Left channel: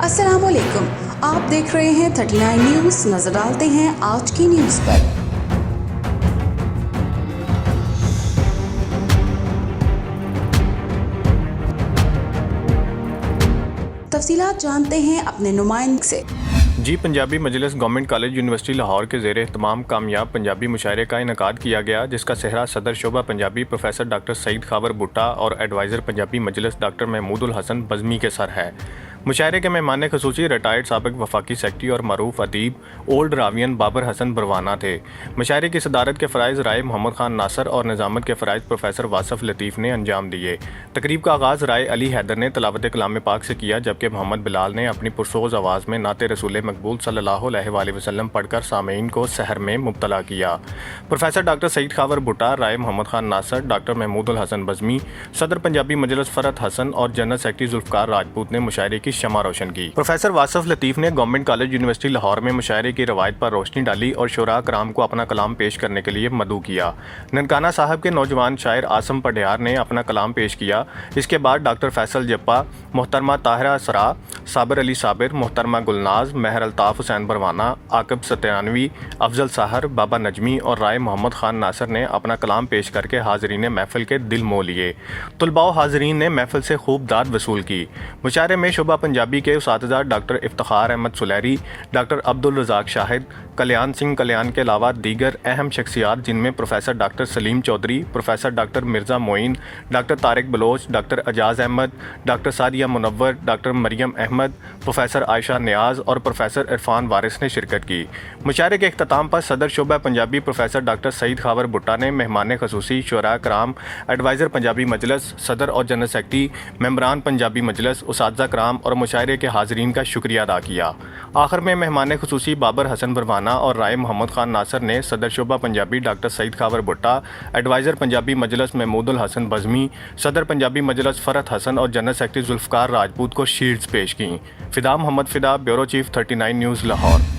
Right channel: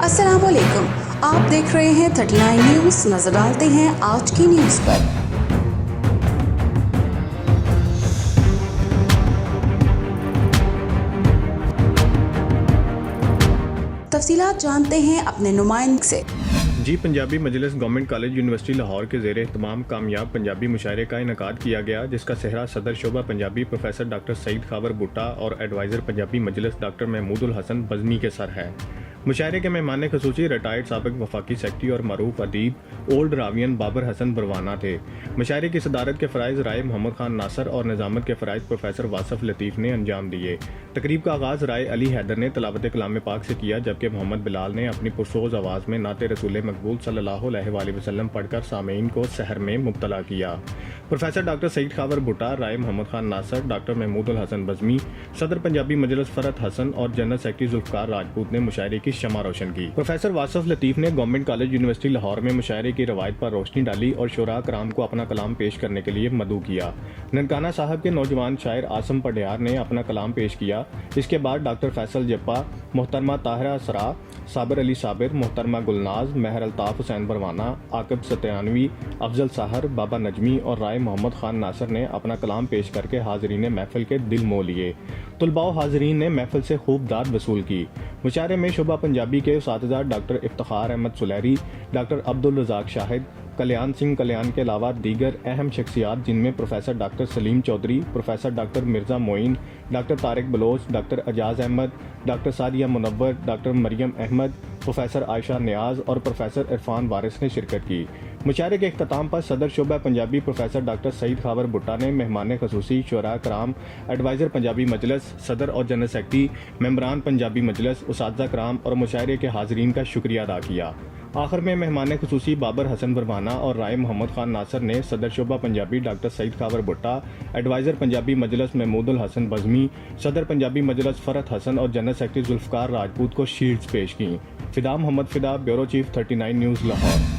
अस्सलाम वालेकुम, आप देख रहे हैं 39 न्यूज़। नजर डालते हैं आज की न्यूज़ पर। तफसीलात जानते हैं अपने नुमाइंदे से। जी पंजाबी मजलिस गवर्नमेंट कॉलेज यूनिवर्सिटी लाहौर के ज़ेर एहतमाम कामयाब पंजाबी मुशायरे का इनकाद किया गया, जिसका सेहरा सदर शोबा पंजाबी प्रोफेसर डॉक्टर सईद खावर भुट्टा और एडवाइज़र पंजाबी मजलिस डॉक्टर महमूदुल हसन बज़मी के सर है। मुशायरे के मेहमान खसूसी रिटायर्ड साबिक वफाकी सेक्रेटरी और मरूफ अदीब ओल्ड रावियन बाबर हसन बरवाना थे। मुशायरे की सदारत के फ़राइज़ राय मोहम्मद खान नासर और निज़ामत के फ़राइज़ प्रोफेसर वासफ़ लतीफ़ ने अंजाम दिए। तकरीब का आगाज़ राय अली हैदर ने तलावत कलाम पाक से किया, जबकि मोहम्मद बिलाल ने अपनी पुरसोज़ आवाज़ में नाते रसूल मकबूल सल्लल्लाहु अलैहि वसल्लम पढ़कर सामीन को सहर में मुब्तला किया। प्रोफेसर डॉक्टर सईद खावर भुट्टा, राय मोहम्मद खान नासर, डॉक्टर महमूदुल हसन बज़मी, सदर पंजाबी मजलिस फ़रत हसन और जनरल सेक्रेटरी जुल्फ़कार राजपूत ने मुशायरे की शमा रोशन की। प्रोफेसर वासफ़ लतीफ़ ने गवर्नमेंट कॉलेज यूनिवर्सिटी लाहौर में मुशायरे की रवायत पर रोशनी डाली और शुरा कराम को अपना कलाम पेश करने के लिए मदऊ किया। ननकाना साहब के नौजवान शायर आसम पढ़ियार ने अपना कलाम पेश किया। इसके बाद डॉक्टर फैसल जप्पा, मोहतरमा ताहिरा सरा, साबिर अली साबिर, मोहतरमा गुलनाज, महर अल्ताफ़ हुसैन बरवाना, आकिब सत्यानवी, अफजल साहर, बाबा नजमी और राय मोहम्मद खान नासर ने अपना कलाम पेश करके हाज़रीन महफिल के दिल मोह लिए। तुलबा हाज़रीन ने महफिल से खूब दाद वसूल की। मुशायरे में शोबा पंजाबी के उस्ताद डॉक्टर इफ्तिखार अहमद सुलैरी, डॉक्टर अब्दुल रज़ाक शाहिद, कल्याण सिंह कल्याण के अलावा दीगर अहम शख्सियात, जिनमें professor doctor Saleem Chaudhry, professor doctor Mirza Moin, doctor Tariq Baloch, doctor Ejaz Ahmad, doctor Sadia Munawar, doctor Maryam Ahmad, professor Ayesha Niaz और प्रोफेसर इरफान वारिस ने शिरकत की। मुशायरे के इख्तिताम पर सदर शोबा पंजाबी प्रोफेसर डॉक्टर सईद खावर भुट्टा ने मेहमान खसूसी, शुरा कराम, एडवाइज़र पंजाबी मजलिस, सदर और जनरल सेक्रेटरी, मेंबरान पंजाबी मजलिस, उस्ताद कराम और मुशायरे के हाज़रीन का शुक्रिया अदा किया। आखिर में मेहमान खसूसी बाबर हसन बरवाना और राय मोहम्मद खान नासर ने सदर शोबा पंजाबी डॉक्टर सईद खावर भुट्टा, एडवाइज़र पंजाबी मजलिस महमूदुल हसन बज़मी, सदर पंजाबी मजलिस फ़रत हसन और जनरल सेक्रेटरी जुल्फ़कार राजपूत को शील्ड्स पेश की। Fida Mohammad Fida, bureau chief 39 news Lahore.